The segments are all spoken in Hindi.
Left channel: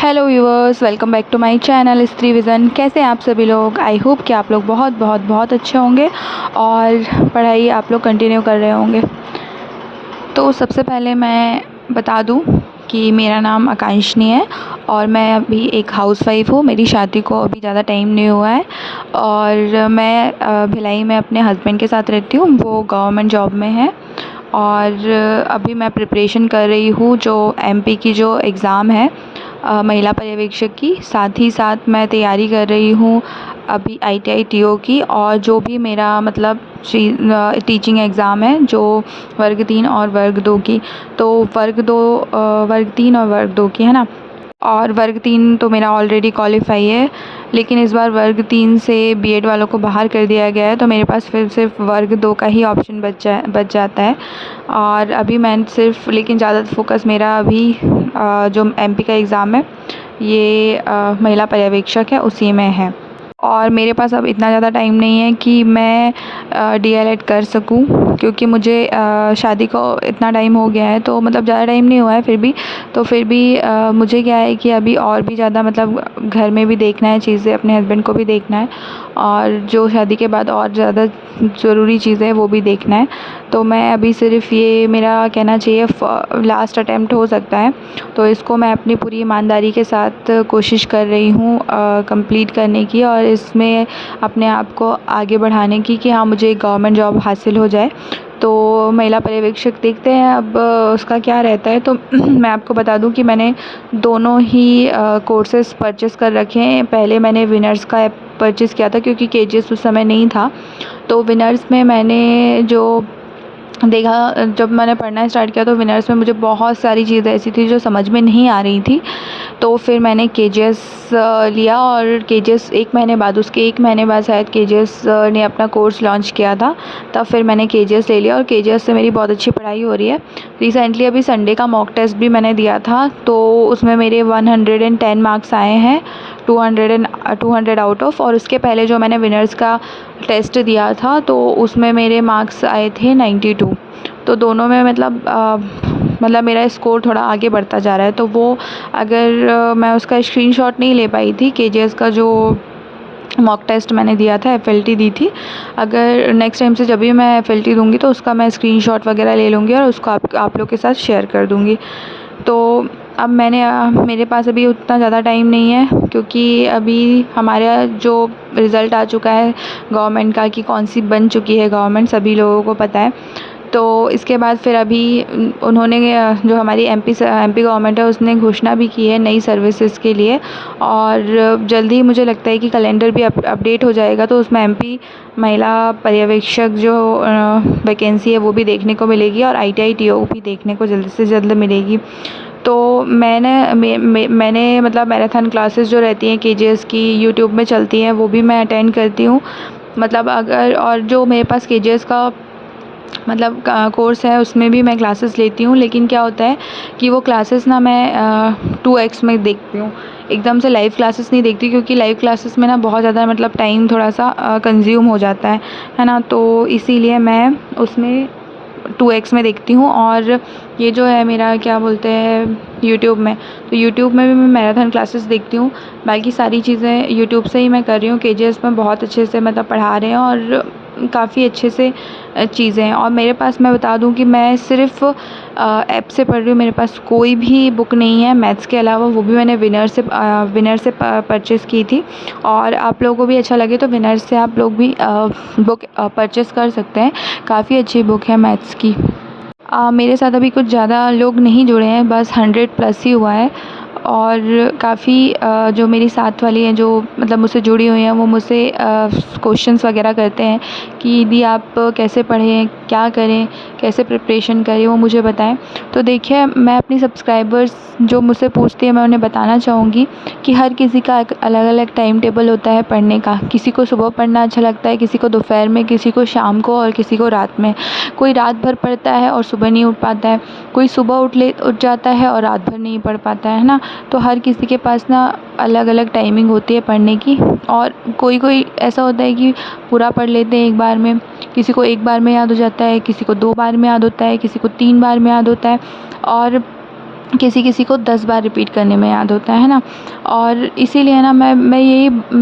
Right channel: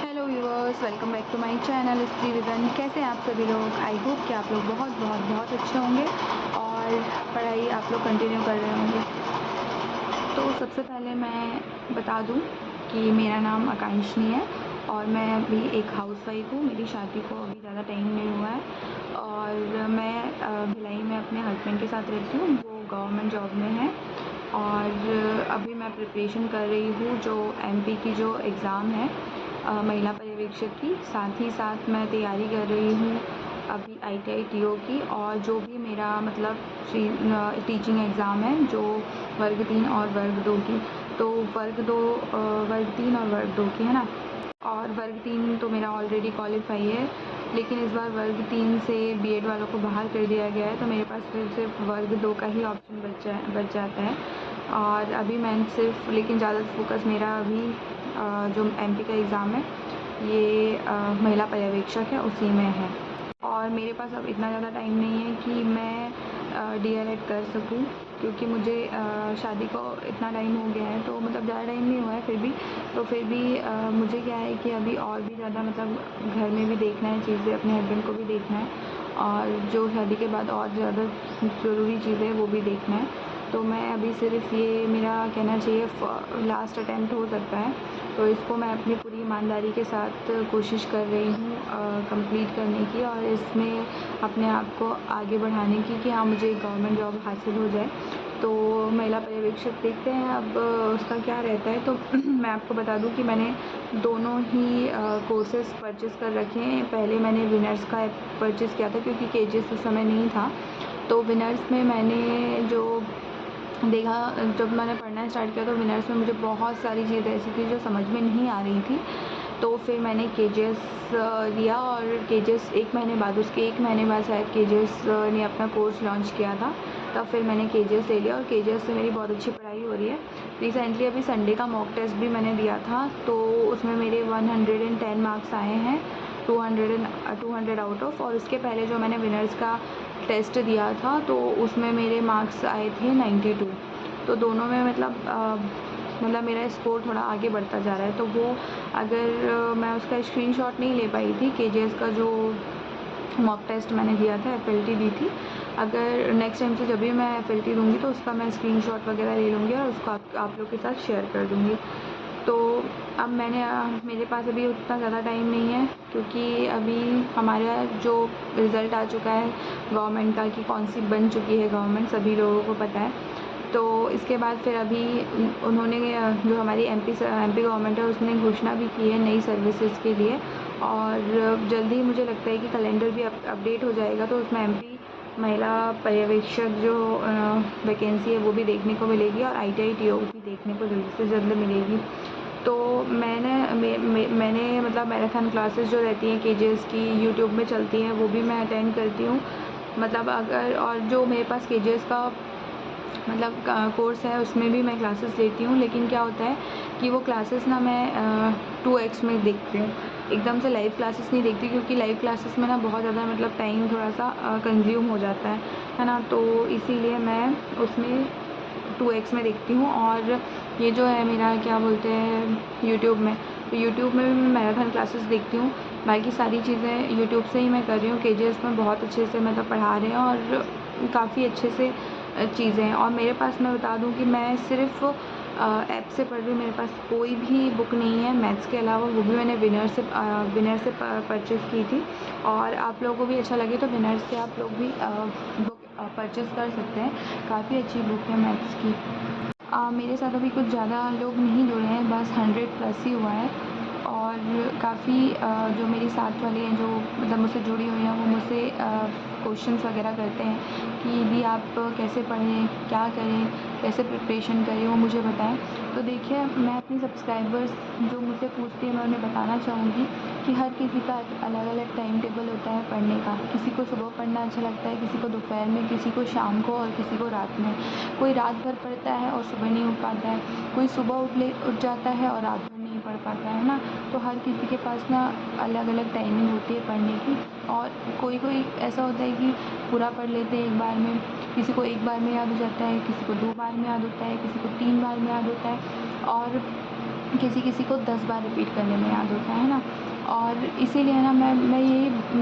Hello viewers, welcome back to my channel Stree Vision. कैसे हैं आप सभी लोग? आई होप कि आप लोग बहुत बहुत बहुत अच्छे होंगे और पढ़ाई आप लोग कंटिन्यू कर रहे होंगे। तो सबसे पहले मैं बता दूं कि मेरा नाम आकांक्षनी है और मैं अभी एक हाउसवाइफ़ हूँ। मेरी शादी को अभी ज़्यादा टाइम नहीं हुआ है और मैं भिलाई में अपने हस्बैंड के साथ रहती हूँ। वो गवर्नमेंट जॉब में है और अभी मैं प्रिपरेशन कर रही हूँ जो एमपी की जो एग्ज़ाम है महिला पर्यवेक्षक की। साथ ही साथ मैं तैयारी कर रही हूँ अभी आईटीआई टीओ की, और जो भी मेरा मतलब टीचिंग एग्ज़ाम है जो वर्ग 3 और वर्ग 2 की। तो वर्ग 3 और वर्ग 2 की है ना। और वर्ग 3 तो मेरा ऑलरेडी क्वालिफाई है, लेकिन इस बार वर्ग 3 से बीएड वालों को बाहर कर दिया गया है, तो मेरे पास फिर सिर्फ वर्ग 2 का ही ऑप्शन बच जाता है। और अभी मैं सिर्फ, लेकिन ज़्यादा फोकस मेरा अभी जो एमपी का एग्ज़ाम है ये महिला पर्यवेक्षक है उसी में है। और मेरे पास अब इतना ज़्यादा टाइम नहीं है कि मैं डीएलएड कर सकूं, क्योंकि मुझे शादी को इतना टाइम हो गया है, तो मतलब ज़्यादा टाइम नहीं हुआ है फिर भी मुझे क्या है कि अभी और भी ज़्यादा मतलब घर में भी देखना है चीज़ें, अपने हस्बैंड को भी देखना है, और जो शादी के बाद और ज़्यादा ज़रूरी चीज़ें हैं वो भी देखना है। तो मैं अभी सिर्फ ये मेरा कहना चाहिए लास्ट अटेम्प्ट हो सकता है, तो इसको मैं अपनी पूरी ईमानदारी के साथ कोशिश कर रही हूँ कंप्लीट करने की, और इसमें अपने आप को आगे बढ़ाने की कि हाँ, मुझे एक गवर्नमेंट जॉब हासिल हो जाए। तो महिला पर्यवेक्षक देखते हैं अब उसका क्या रहता है। तो मैं आपको बता दूं कि मैंने दोनों ही कोर्सेज़ परचेज़ कर रखे हैं। पहले मैंने विनर्स का ऐप परचेज़ किया था क्योंकि केजीएस उस समय नहीं था। तो विनर्स में मैंने जो देखा, जब मैंने पढ़ना स्टार्ट किया तो विनर्स में मुझे बहुत सारी चीज़ें ऐसी थी जो समझ में नहीं आ रही थी। तो फिर मैंने केजीएस लिया, और केजीएस उसके 1 महीने बाद शायद केजीएस ने अपना कोर्स लॉन्च किया था। तब फिर मैंने केजीएस ले लिया और केजीएस से मेरी बहुत अच्छी पढ़ाई हो रही है। रिसेंटली अभी संडे का मॉक टेस्ट भी मैंने दिया था, तो उसमें मेरे 110 मार्क्स आए हैं, 200 आउट ऑफ। और उसके पहले जो मैंने विनर्स का टेस्ट दिया था तो उसमें मेरे मार्क्स आए थे 92। तो दोनों में मतलब मेरा स्कोर थोड़ा आगे बढ़ता जा रहा है। तो वो अगर मैं उसका स्क्रीनशॉट नहीं ले पाई थी, केजीएस का जो मॉक टेस्ट मैंने दिया था, एफएलटी दी थी, अगर नेक्स्ट टाइम से जब भी मैं एफएलटी दूंगी तो उसका मैं स्क्रीनशॉट वगैरह ले लूँगी और उसको आप लोग के साथ शेयर कर दूँगी। तो अब मेरे पास अभी उतना ज़्यादा टाइम नहीं है, क्योंकि अभी हमारा जो रिज़ल्ट आ चुका है गवर्नमेंट का कि कौन सी बन चुकी है गवर्नमेंट, सभी लोगों को पता है। तो इसके बाद फिर अभी उन्होंने जो हमारी एमपी गवर्नमेंट है उसने घोषणा भी की है नई सर्विसेज के लिए, और जल्दी ही मुझे लगता है कि कैलेंडर भी अपडेट हो जाएगा, तो उसमें एमपी महिला पर्यवेक्षक जो वैकेंसी है वो भी देखने को मिलेगी, और आईटीआई टीओ भी देखने को जल्द से जल्द मिलेगी। तो मैंने मतलब मैराथन क्लासेस जो रहती हैं केजीएस की यूट्यूब में चलती हैं वो भी मैं अटेंड करती हूँ। मतलब अगर, और जो मेरे पास केजीएस का मतलब कोर्स है उसमें भी मैं क्लासेस लेती हूँ, लेकिन क्या होता है कि वो क्लासेस ना मैं 2x में देखती हूँ, एकदम से लाइव क्लासेस नहीं देखती, क्योंकि लाइव क्लासेस में ना बहुत ज़्यादा मतलब टाइम थोड़ा सा कंज्यूम हो जाता है ना। तो इसीलिए मैं उसमें 2x में देखती हूँ। और ये जो है मेरा क्या बोलते हैं यूट्यूब में, तो यूट्यूब में भी मैं मैराथन क्लासेस देखती हूँ। बाकी सारी चीज़ें यूट्यूब से ही मैं कर रही हूँ। केजीएस में बहुत अच्छे से मतलब पढ़ा रहे हैं और काफ़ी अच्छे से चीज़ें हैं। और मेरे पास, मैं बता दूं कि मैं सिर्फ ऐप से पढ़ रही हूँ, मेरे पास कोई भी बुक नहीं है मैथ्स के अलावा, वो भी मैंने विनर से परचेज़ की थी। और आप लोगों को भी अच्छा लगे तो विनर से आप लोग भी बुक परचेज़ कर सकते हैं, काफ़ी अच्छी बुक है मैथ्स की। मेरे साथ अभी कुछ ज़्यादा लोग नहीं जुड़े हैं, बस 100 प्लस ही हुआ है। और काफ़ी जो मेरी साथ वाली हैं जो मतलब मुझसे जुड़ी हुई हैं वो मुझसे क्वेश्चंस वगैरह करते हैं कि दीदी आप कैसे पढ़ें, क्या करें, कैसे प्रिपरेशन करें, वो मुझे बताएं। तो देखिए, मैं अपनी सब्सक्राइबर्स जो मुझसे पूछती है मैं उन्हें बताना चाहूँगी कि हर किसी का एक अलग अलग टाइम टेबल होता है पढ़ने का। किसी को सुबह पढ़ना अच्छा लगता है, किसी को दोपहर में, किसी को शाम को, और किसी को रात में। कोई रात भर पढ़ता है और सुबह नहीं उठ पाता है, कोई सुबह उठ जाता है और रात भर नहीं पढ़ पाता है ना। तो हर किसी के पास ना अलग अलग टाइमिंग होती है पढ़ने की। और कोई ऐसा होता है कि पूरा पढ़ लेते हैं एक बार में, किसी को एक बार में याद हो जाता है, किसी को 2 बार में याद होता है, किसी को 3 बार में याद होता है। और किसी किसी को 10 बार रिपीट करने में याद होता है ना। और इसीलिए ना मैं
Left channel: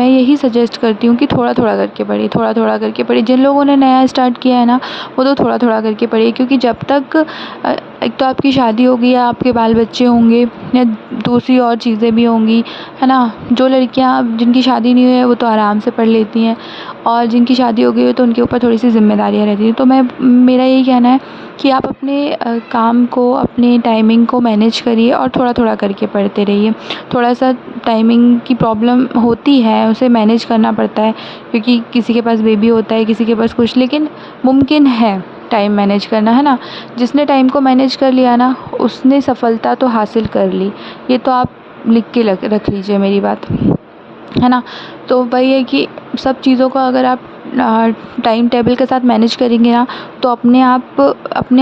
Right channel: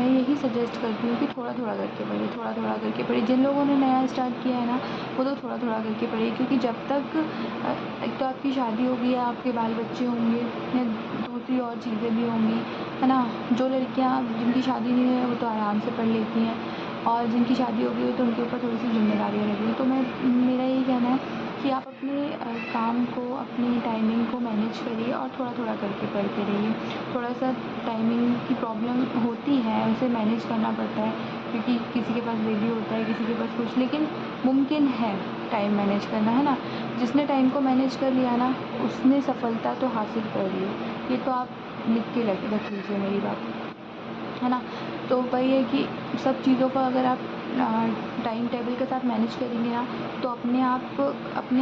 यही सजेस्ट करती हूँ कि थोड़ा थोड़ा करके पढ़िए, थोड़ा थोड़ा करके पढ़िए। जिन लोगों ने नया स्टार्ट किया है ना, वो तो थोड़ा थोड़ा करके पढ़िए, क्योंकि जब तक एक तो आपकी शादी होगी या आपके बाल बच्चे होंगे या दूसरी और चीज़ें भी होंगी, है ना। जो लड़कियाँ जिनकी शादी नहीं हुई है वो तो आराम से पढ़ लेती हैं, और जिनकी शादी हो गई है तो उनके ऊपर थोड़ी सी ज़िम्मेदारियाँ रहती हैं। तो मेरा यही कहना है कि आप अपने काम को, अपने टाइमिंग को मैनेज करिए और थोड़ा थोड़ा करके पढ़ते रहिए। थोड़ा सा टाइमिंग की प्रॉब्लम होती है, उसे मैनेज करना पड़ता है, क्योंकि किसी के पास बेबी होता है, किसी के पास कुछ, लेकिन मुमकिन है टाइम मैनेज करना, है ना। जिसने टाइम को मैनेज कर लिया ना, उसने सफलता तो हासिल कर ली। ये तो आप लिख के रख लीजिए मेरी बात, है ना। तो वही है कि सब चीज़ों को अगर आप टाइम टेबल के साथ मैनेज करेंगे ना, तो अपने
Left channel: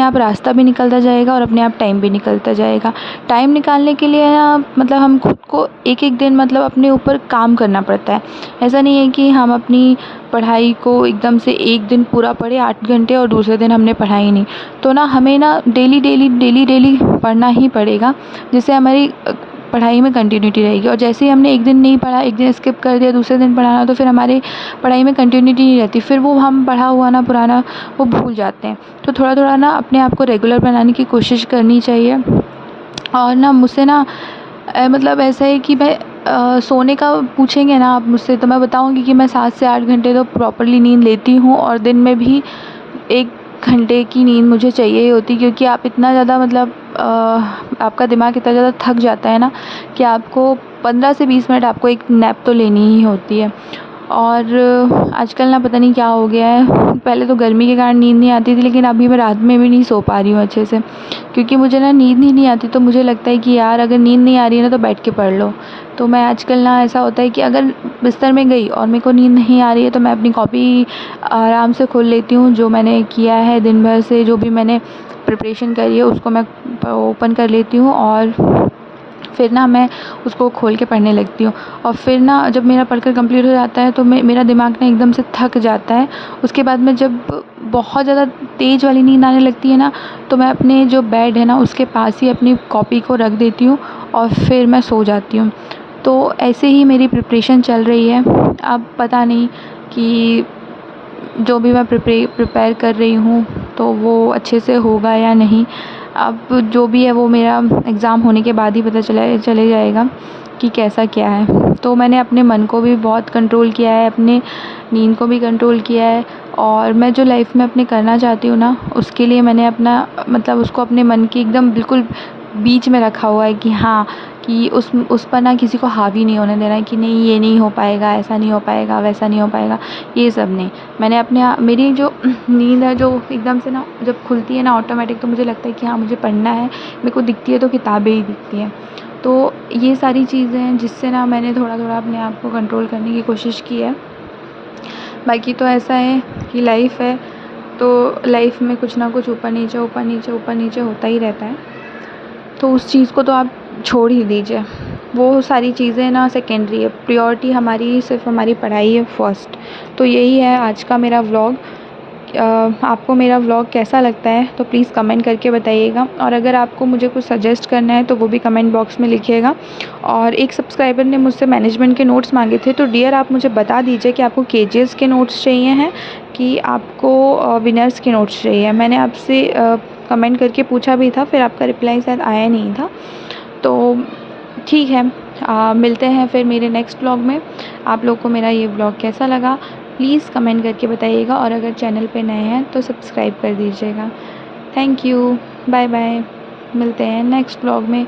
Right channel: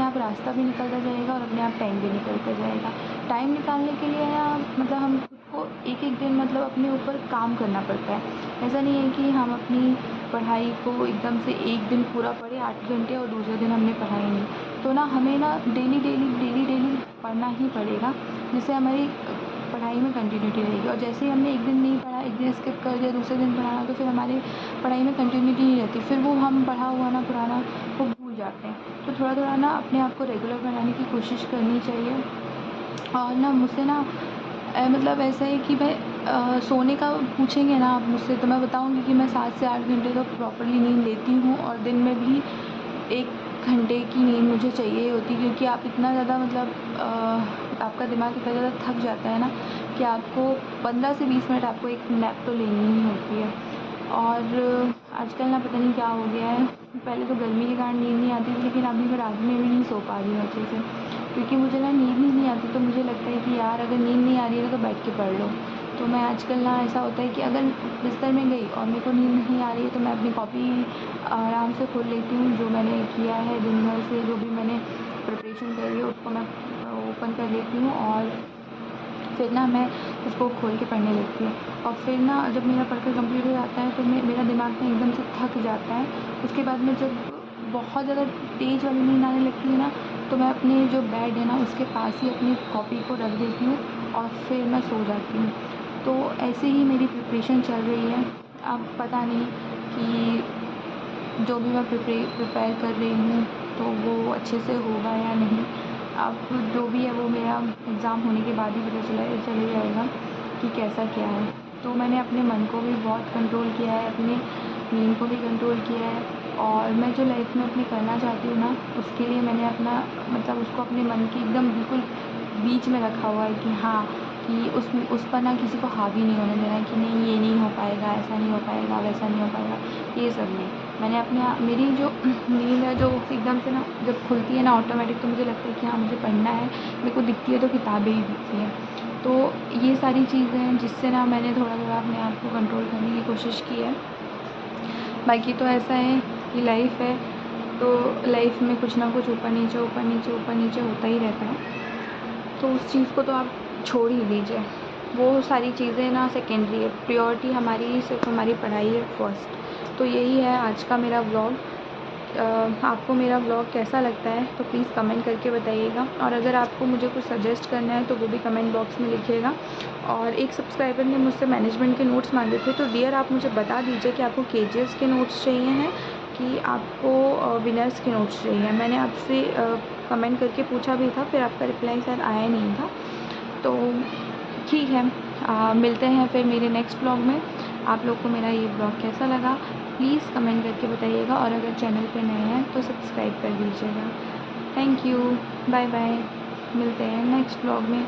आप रास्ता भी निकलता जाएगा और अपने आप टाइम भी निकलता जाएगा। टाइम निकालने के लिए ना, मतलब हम खुद को एक एक दिन मतलब अपने ऊपर काम करना पड़ता है। ऐसा नहीं है कि हम अपनी पढ़ाई को एकदम से एक दिन पूरा पढ़े 8 घंटे और दूसरे दिन हमने पढ़ाई नहीं। तो ना हमें ना डेली डेली डेली डेली पढ़ना ही पड़ेगा, जिससे हमारी पढ़ाई में कंटिन्यूटी रहेगी। और जैसे ही हमने एक दिन नहीं पढ़ा, एक दिन स्किप कर दिया, दूसरे दिन पढ़ाना, तो फिर हमारी पढ़ाई में कंटिन्यूटी नहीं रहती, फिर वो हम पढ़ा हुआ ना पुराना वो भूल जाते हैं। तो थोड़ा थोड़ा ना अपने आप को रेगुलर बनाने की कोशिश करनी चाहिए। और ना मुझसे ना मतलब ऐसा है कि मैं सोने का पूछेंगे ना आप मुझसे, तो मैं बताऊंगी कि मैं 7 से 8 घंटे तो प्रॉपरली नींद लेती हूँ, और दिन में भी 1 घंटे की नींद मुझे चाहिए ही होती, क्योंकि आप इतना ज़्यादा मतलब आपका दिमाग इतना ज़्यादा थक जाता है ना, कि आपको 15 से 20 मिनट आपको एक नैप तो लेनी ही होती है। और आजकल ना पता नहीं क्या हो गया है, पहले तो गर्मी के कारण नींद नहीं आती थी, लेकिन अभी मैं रात में भी नहीं सो पा रही हूँ अच्छे से, क्योंकि मुझे ना नींद ही नहीं आती। तो मुझे लगता है कि यार अगर नींद नहीं आ रही है ना, तो बैठ के पढ़ लो। तो मैं आजकल ना, ऐसा होता है कि अगर बिस्तर में गई और मेरे को नींद नहीं आ रही है, तो मैं अपनी कॉपी आराम से खोल लेती हूँ, जो मैंने किया है दिन भर से, जो भी मैंने प्रिपरेशन करी है उसको मैं ओपन कर लेती हूँ, और फिर ना मैं उसको खोल के पढ़ने लगती हूँ। और फिर ना जब मेरा पढ़कर कंप्लीट हो जाता है, तो मेरा दिमाग ना एकदम से थक जाता है। उसके बाद में जब बहुत ज़्यादा तेज़ वाली नींद आने लगती है ना, तो मैं अपने जो बेड है ना उसके पास ही अपनी कॉपी को रख देती हूँ, और फिर मैं सो जाती हूँ। तो ऐसे ही मेरी प्रिपरेशन चल रही है। अब पता नहीं कि जो भी मैं प्रिपेयर कर रही हूँ तो वो अच्छे से होगा या नहीं। अब जो भी है वो मेरा एग्ज़ाम होने के बाद ही पता चले जाएगा कि कैसा क्या है। तो मैंने अपने मन को भी बहुत कंट्रोल किया है, अपने नींद को भी कंट्रोल किया है, और मैं जो लाइफ में अपने करना चाहती हूँ ना, उसके लिए मैंने अपना मतलब उसको अपने मन के एकदम बिल्कुल बीच में रखा हुआ है, कि हाँ, कि उस पर ना किसी को हावी नहीं होने देना है, कि नहीं ये नहीं हो पाएगा, ऐसा नहीं हो पाएगा, वैसा नहीं हो पाएगा, ये सब नहीं। मैंने मेरी जो नींद है, जो एकदम से ना जब खुलती है ना ऑटोमेटिक, तो मुझे लगता है कि हाँ मुझे पढ़ना है, मेरे को दिखती है तो किताबें ही दिखती हैं। तो ये सारी चीज़ें हैं जिससे ना मैंने थोड़ा थोड़ा अपने आप को कंट्रोल करने की कोशिश की है। बाकी तो ऐसा है कि लाइफ है, तो लाइफ में कुछ ना कुछ ऊपर नीचे ऊपर नीचे ऊपर नीचे होता ही रहता है। तो उस चीज़ को तो आप छोड़ ही दीजिए, वो सारी चीज़ें ना सेकेंडरी है, प्रायोरिटी हमारी सिर्फ हमारी पढ़ाई है फर्स्ट। तो यही है आज का मेरा व्लॉग। आपको मेरा व्लॉग कैसा लगता है तो प्लीज़ कमेंट करके बताइएगा, और अगर आपको मुझे कुछ सजेस्ट करना है तो वो भी कमेंट बॉक्स में लिखिएगा। और एक सब्सक्राइबर ने मुझसे मैनेजमेंट के नोट्स मांगे थे, तो डियर आप मुझे बता दीजिए कि आपको केजीएस के नोट्स चाहिए हैं कि आपको विनर्स के नोट्स चाहिए। मैंने आपसे कमेंट करके पूछा भी था, फिर आपका रिप्लाई शायद आया नहीं था। तो ठीक है, मिलते हैं फिर मेरे नेक्स्ट ब्लॉग में। आप लोग को मेरा ये ब्लॉग कैसा लगा प्लीज़ कमेंट करके बताइएगा, और अगर चैनल पे नए हैं तो सब्सक्राइब कर दीजिएगा। थैंक यू, बाय बाय, मिलते हैं नेक्स्ट ब्लॉग में।